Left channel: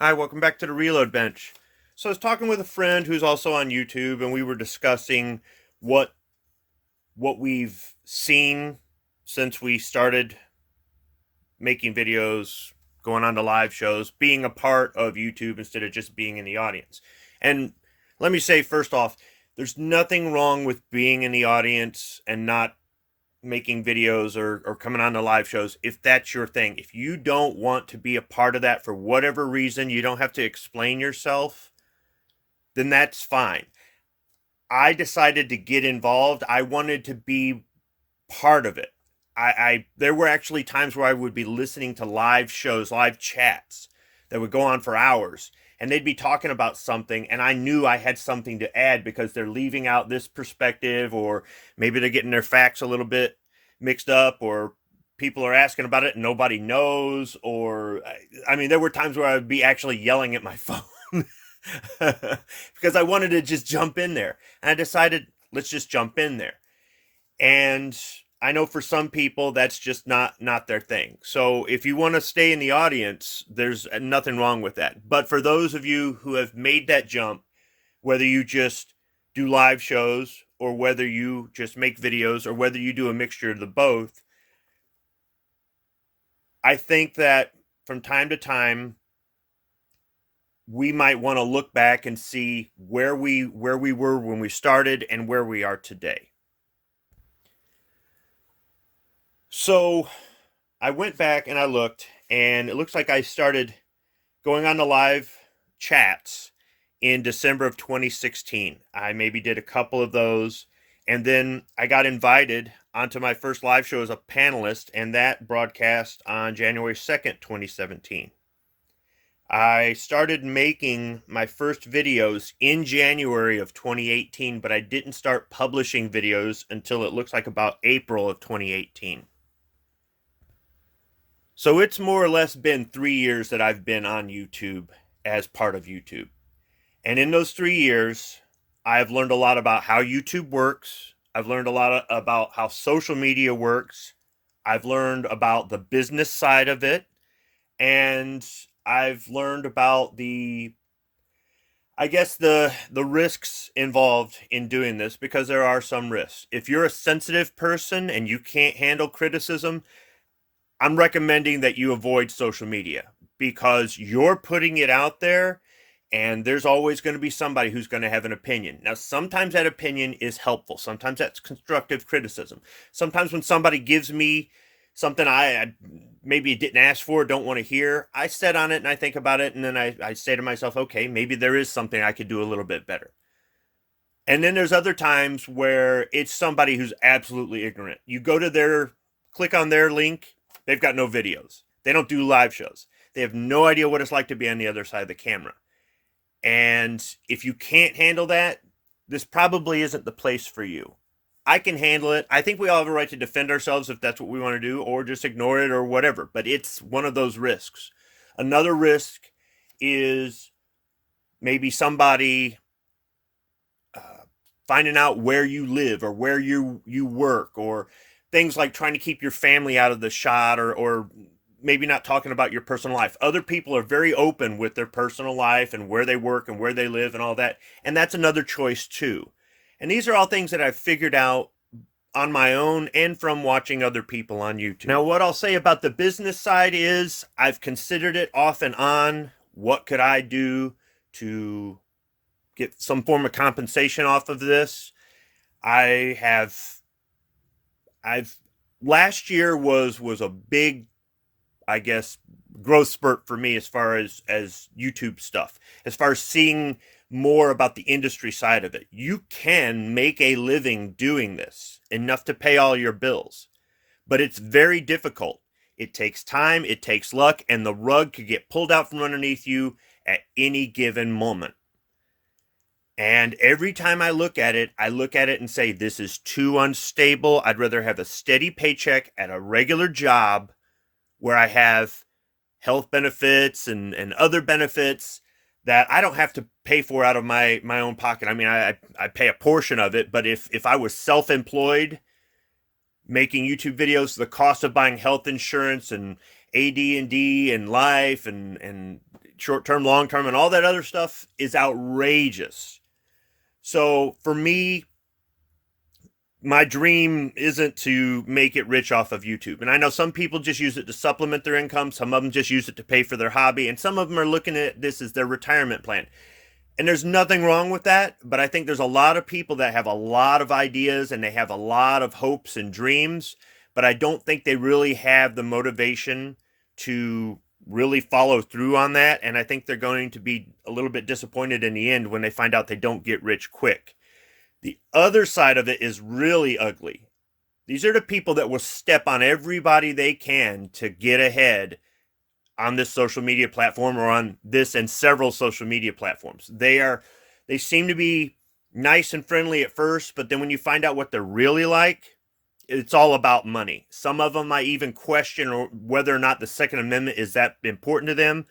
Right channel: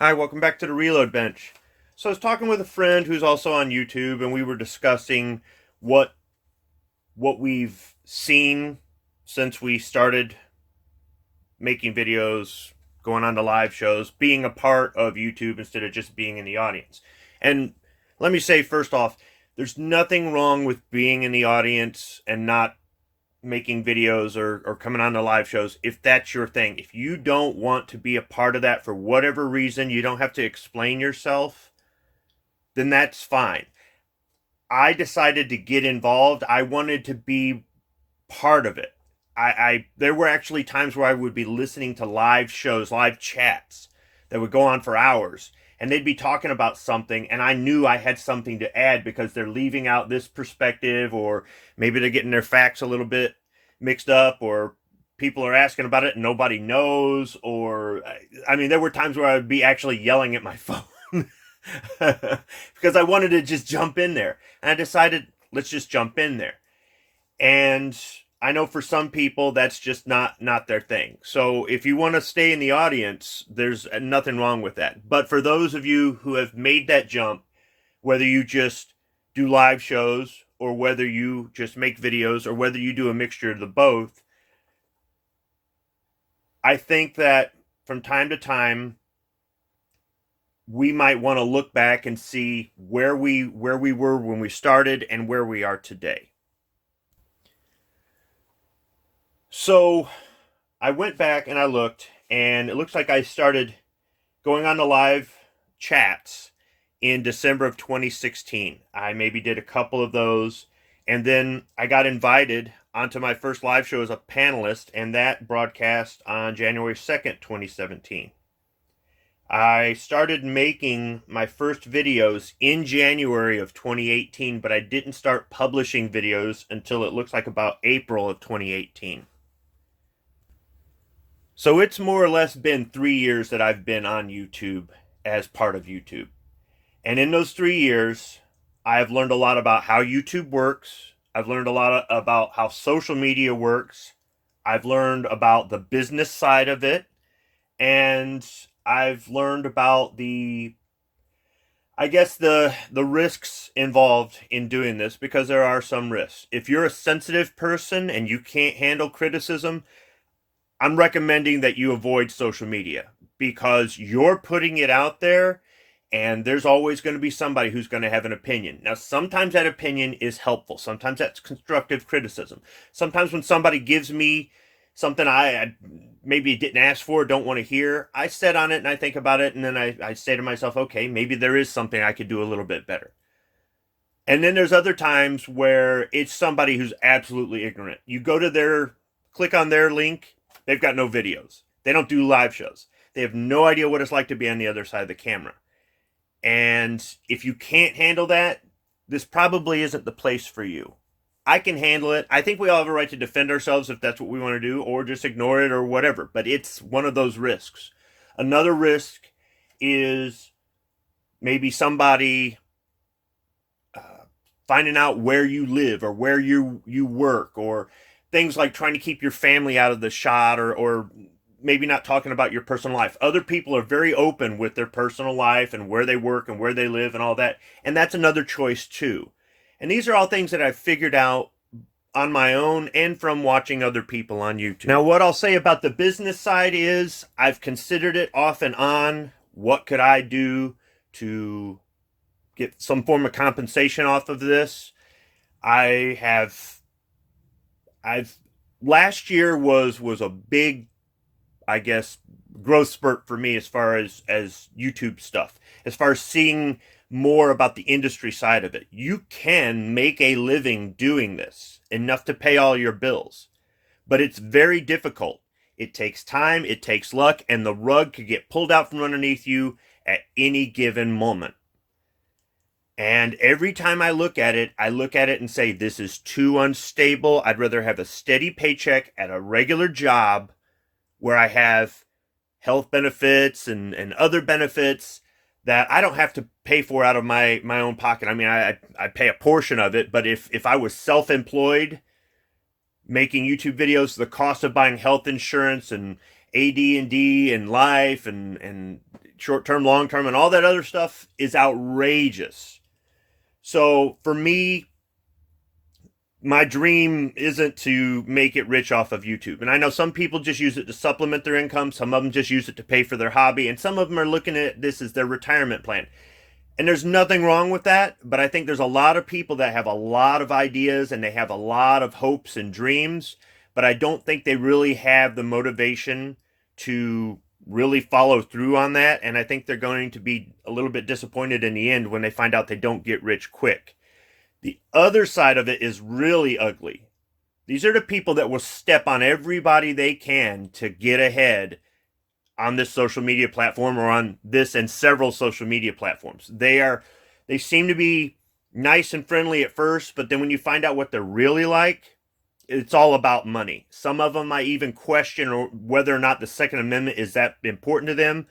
Hi, welcome back to the Reload Bench. So I was talking with a friend who's also on YouTube, and we were discussing what what we've seen since we started making videos, going on to live shows, being a part of YouTube instead of just being in the audience. And let me say first off, there's nothing wrong with being in the audience and not making videos or coming on to live shows if that's your thing. If you don't want to be a part of that for whatever reason, you don't have to explain yourself, then that's fine. I decided to get involved. I wanted to be part of it. I there were actually times where I would be listening to live shows, live chats that would go on for hours, and they'd be talking about something, and I knew I had something to add because they're leaving out this perspective, or maybe they're getting their facts a little bit mixed up, or people are asking about it and nobody knows, or I mean, there were times where I would be actually yelling at my phone because I wanted to just jump in there, and I decided let's just jump in there. And I know for some people that's just not their thing. So if you want to stay in the audience, there's nothing wrong with that. But for those of you who have made that jump, whether you just do live shows or whether you just make videos or whether you do a mixture of the both, I think that from time to time we might want to look back and see where we were when we started and where we are today. So I went back and I looked, and it looks like I started going on the live chats in December of 2016. I maybe did a couple of those, and then I got invited onto my first live show as a panelist, and that broadcast on January 2nd, 2017. I started making my first videos in January of 2018, but I didn't start publishing videos until it looks like about April of 2018. So it's more or less been 3 years that I've been on YouTube as part of YouTube. And in those 3 years, I've learned a lot about how YouTube works. I've learned a lot about how social media works. I've learned about the business side of it. And I've learned about the risks involved in doing this, because there are some risks. If you're a sensitive person and you can't handle criticism, I'm recommending that you avoid social media, because you're putting it out there and there's always going to be somebody who's going to have an opinion. Now, sometimes that opinion is helpful. Sometimes that's constructive criticism. Sometimes when somebody gives me something I maybe didn't ask for, don't want to hear, I sit on it and I think about it. And then I say to myself, okay, maybe there is something I could do a little bit better. And then there's other times where it's somebody who's absolutely ignorant. You go to click on their link, they've got no videos. They don't do live shows. They have no idea what it's like to be on the other side of the camera. And if you can't handle that, this probably isn't the place for you. I can handle it. I think we all have a right to defend ourselves if that's what we want to do, or just ignore it or whatever. But it's one of those risks. Another risk is maybe somebody finding out where you live or where you work, or things like trying to keep your family out of the shot, or maybe not talking about your personal life. Other people are very open with their personal life and where they work and where they live and all that. And that's another choice too. And these are all things that I've figured out on my own and from watching other people on YouTube. Now, what I'll say about the business side is I've considered it off and on. What could I do to get some form of compensation off of this? I've last year was a big, I guess, growth spurt for me as far as YouTube stuff, as far as seeing more about the industry side of it. You can make a living doing this, enough to pay all your bills, but it's very difficult. It takes time, it takes luck, and the rug could get pulled out from underneath you at any given moment. And every time I look at it and say, this is too unstable. I'd rather have a steady paycheck at a regular job where I have health benefits and other benefits that I don't have to pay for out of my own pocket. I mean, I pay a portion of it, but if I was self-employed making YouTube videos, the cost of buying health insurance and AD&D and life and short term, long term, and all that other stuff is outrageous. So for me, my dream isn't to make it rich off of YouTube. And I know some people just use it to supplement their income. Some of them just use it to pay for their hobby. And some of them are looking at this as their retirement plan. And there's nothing wrong with that. But I think there's a lot of people that have a lot of ideas and they have a lot of hopes and dreams. But I don't think they really have the motivation to really follow through on that. And I think they're going to be a little bit disappointed in the end when they find out they don't get rich quick. The other side of it is really ugly. These are the people that will step on everybody they can to get ahead on this social media platform or on this and several social media platforms. They seem to be nice and friendly at first, but then when you find out what they're really like, it's all about money. Some of them I even question whether or not the Second Amendment is that important to them,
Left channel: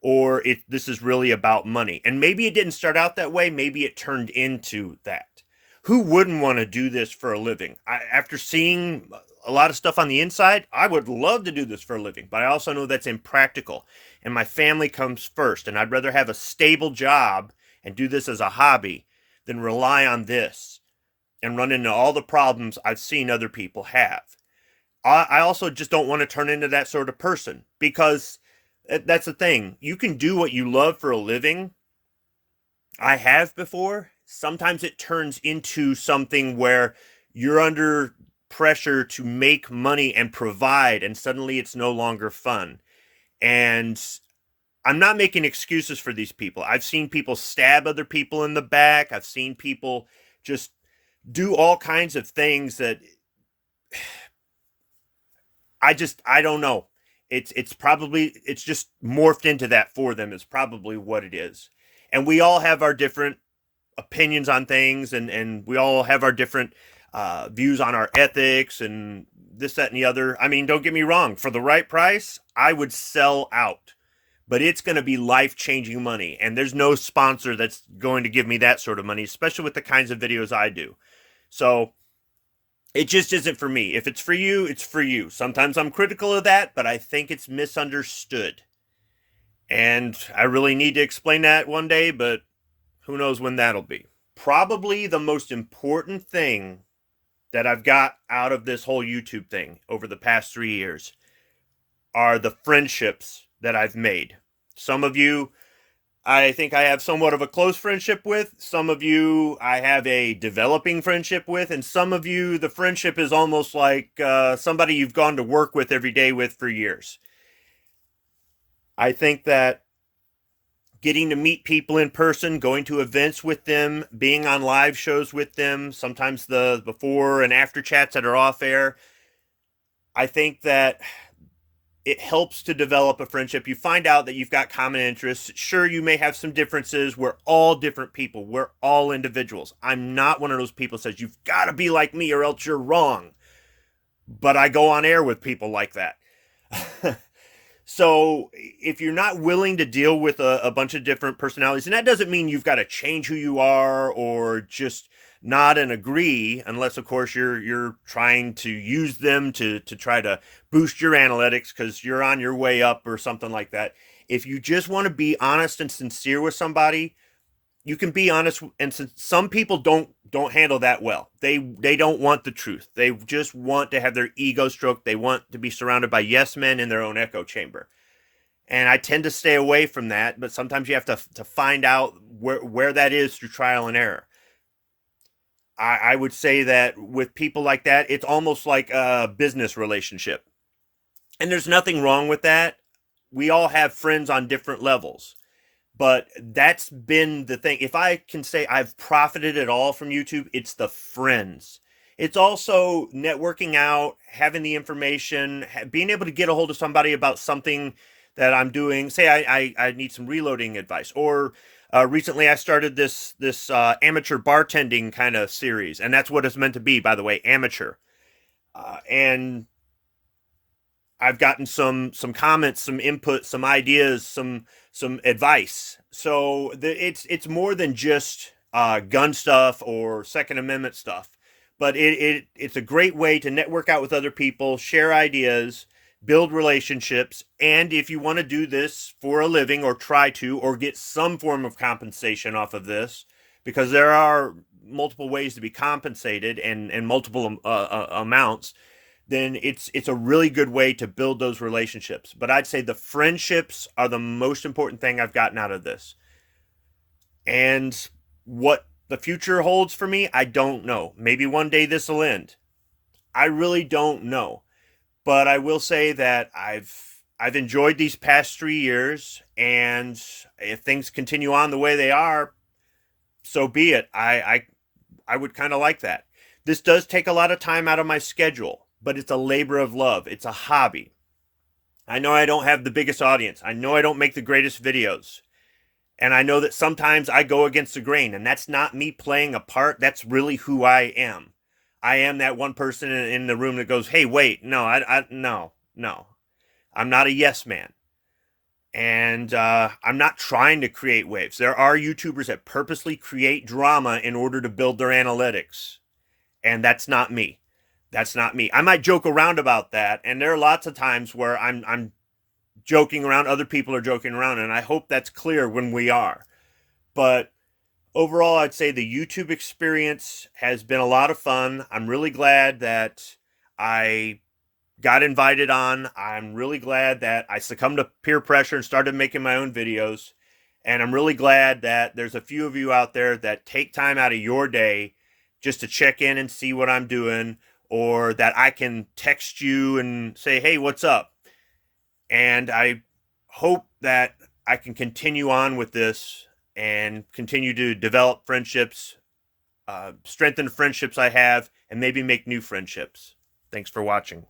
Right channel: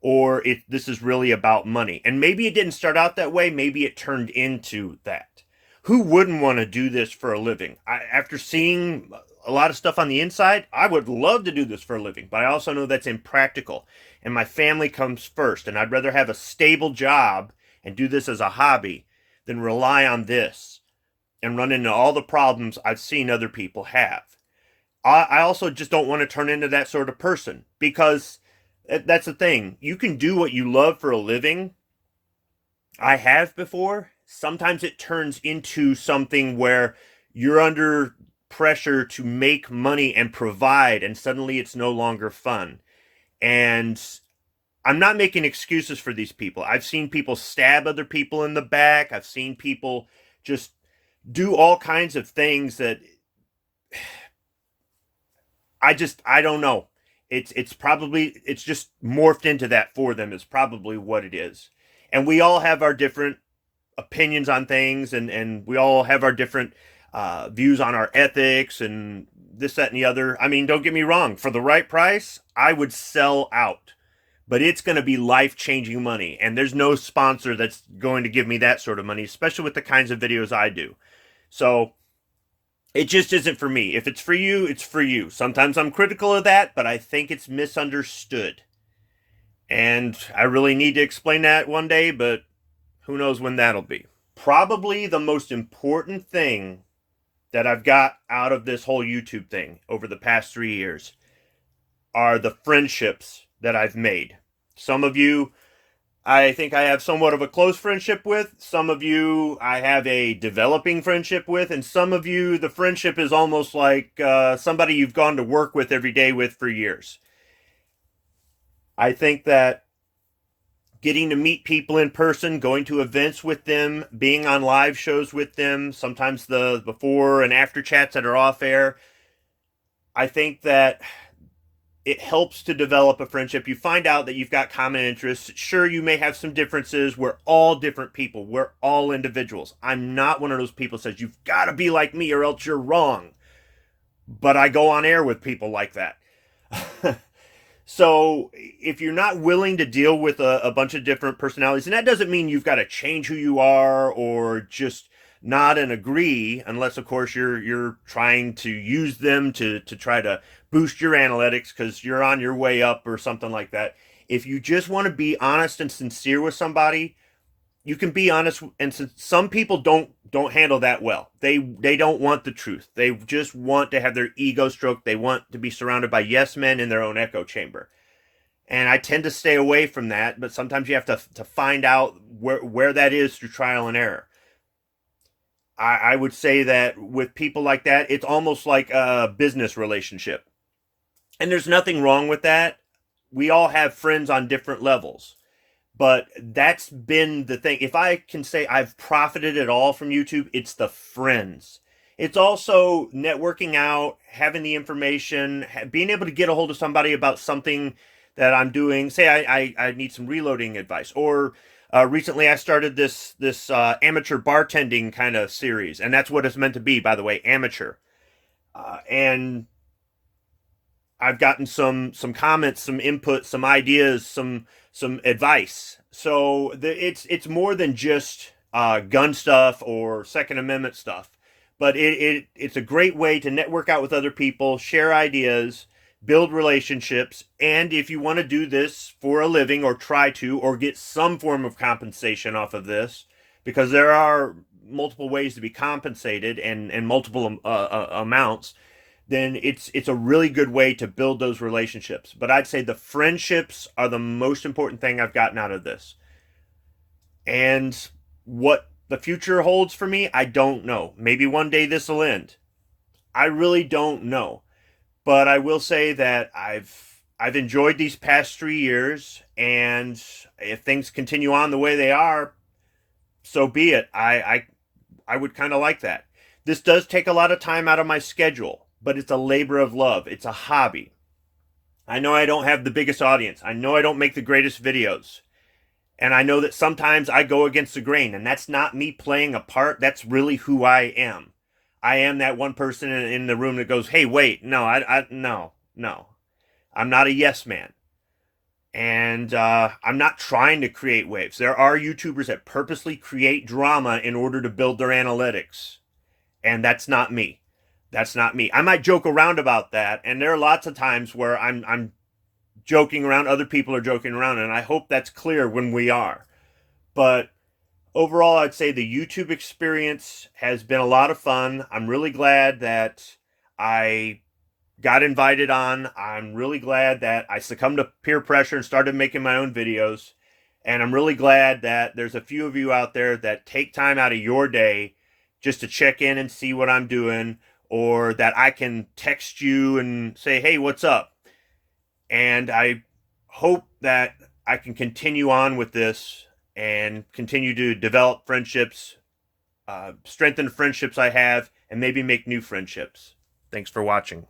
or if this is really about money. And maybe it didn't start out that way. Maybe it turned into that. Who wouldn't want to do this for a living? After seeing a lot of stuff on the inside, I would love to do this for a living, but I also know that's impractical. And my family comes first, and I'd rather have a stable job and do this as a hobby than rely on this and run into all the problems I've seen other people have. I also just don't want to turn into that sort of person, because that's the thing. You can do what you love for a living. I have before. Sometimes it turns into something where you're under pressure to make money and provide, and suddenly it's no longer fun. And I'm not making excuses for these people. I've seen people stab other people in the back. I've seen people just do all kinds of things that I don't know. It's just morphed into that for them is probably what it is. And we all have our different opinions on things, and we all have our different views on our ethics and this, that, and the other. I mean, don't get me wrong. For the right price, I would sell out. But it's going to be life-changing money. And there's no sponsor that's going to give me that sort of money, especially with the kinds of videos I do. So it just isn't for me. If it's for you, it's for you. Sometimes I'm critical of that, but I think it's misunderstood. And I really need to explain that one day, but who knows when that'll be. Probably the most important thing that I've got out of this whole YouTube thing over the past 3 years are the friendships that I've made. Some of you, I think I have somewhat of a close friendship with. Some of you, I have a developing friendship with. And some of you, the friendship is almost like somebody you've gone to work with every day with for years. I think that getting to meet people in person, going to events with them, being on live shows with them, sometimes the before and after chats that are off air, I think that it helps to develop a friendship. You find out that you've got common interests. Sure, you may have some differences. We're all different people. We're all individuals. I'm not one of those people that says, you've got to be like me or else you're wrong. But I go on air with people like that. So if you're not willing to deal with a bunch of different personalities, and that doesn't mean you've got to change who you are or just nod and agree, unless of course you're trying to use them to try to boost your analytics because you're on your way up or something like that. If you just want to be honest and sincere with somebody, you can be honest. And some people don't handle that well. They don't want the truth. They just want to have their ego stroked. They want to be surrounded by yes men in their own echo chamber. And I tend to stay away from that, but sometimes you have to find out where that is through trial and error. I would say that with people like that, it's almost like a business relationship. And there's nothing wrong with that. We all have friends on different levels. But that's been the thing. If I can say I've profited at all from YouTube, it's the friends. It's also networking out, having the information, being able to get a hold of somebody about something that I'm doing. Say I need some reloading advice. Or recently I started this amateur bartending kind of series. And that's what it's meant to be, by the way, amateur. And I've gotten some comments, some input, some ideas, some advice. So it's more than just gun stuff or Second Amendment stuff, but it's a great way to network out with other people, share ideas, build relationships, and if you want to do this for a living or try to, or get some form of compensation off of this, because there are multiple ways to be compensated and multiple amounts, then it's a really good way to build those relationships. But I'd say the friendships are the most important thing I've gotten out of this. And what the future holds for me, I don't know. Maybe one day this will end. I really don't know. But I will say that I've enjoyed these past 3 years, and if things continue on the way they are, so be it. I would kind of like that. This does take a lot of time out of my schedule, but it's a labor of love. It's a hobby. I know I don't have the biggest audience. I know I don't make the greatest videos. And I know that sometimes I go against the grain, and that's not me playing a part. That's really who I am. I am that one person in the room that goes, "Hey, wait, no, no. I'm not a yes man." And I'm not trying to create waves. There are YouTubers that purposely create drama in order to build their analytics. And that's not me. That's not me. I might joke around about that. And there are lots of times where I'm joking around, other people are joking around, and I hope that's clear when we are. But overall, I'd say the YouTube experience has been a lot of fun. I'm really glad that I got invited on. I'm really glad that I succumbed to peer pressure and started making my own videos. And I'm really glad that there's a few of you out there that take time out of your day just to check in and see what I'm doing, or that I can text you and say, "Hey, what's up?" And I hope that I can continue on with this and continue to develop friendships, strengthen friendships I have, and maybe make new friendships. Thanks for watching.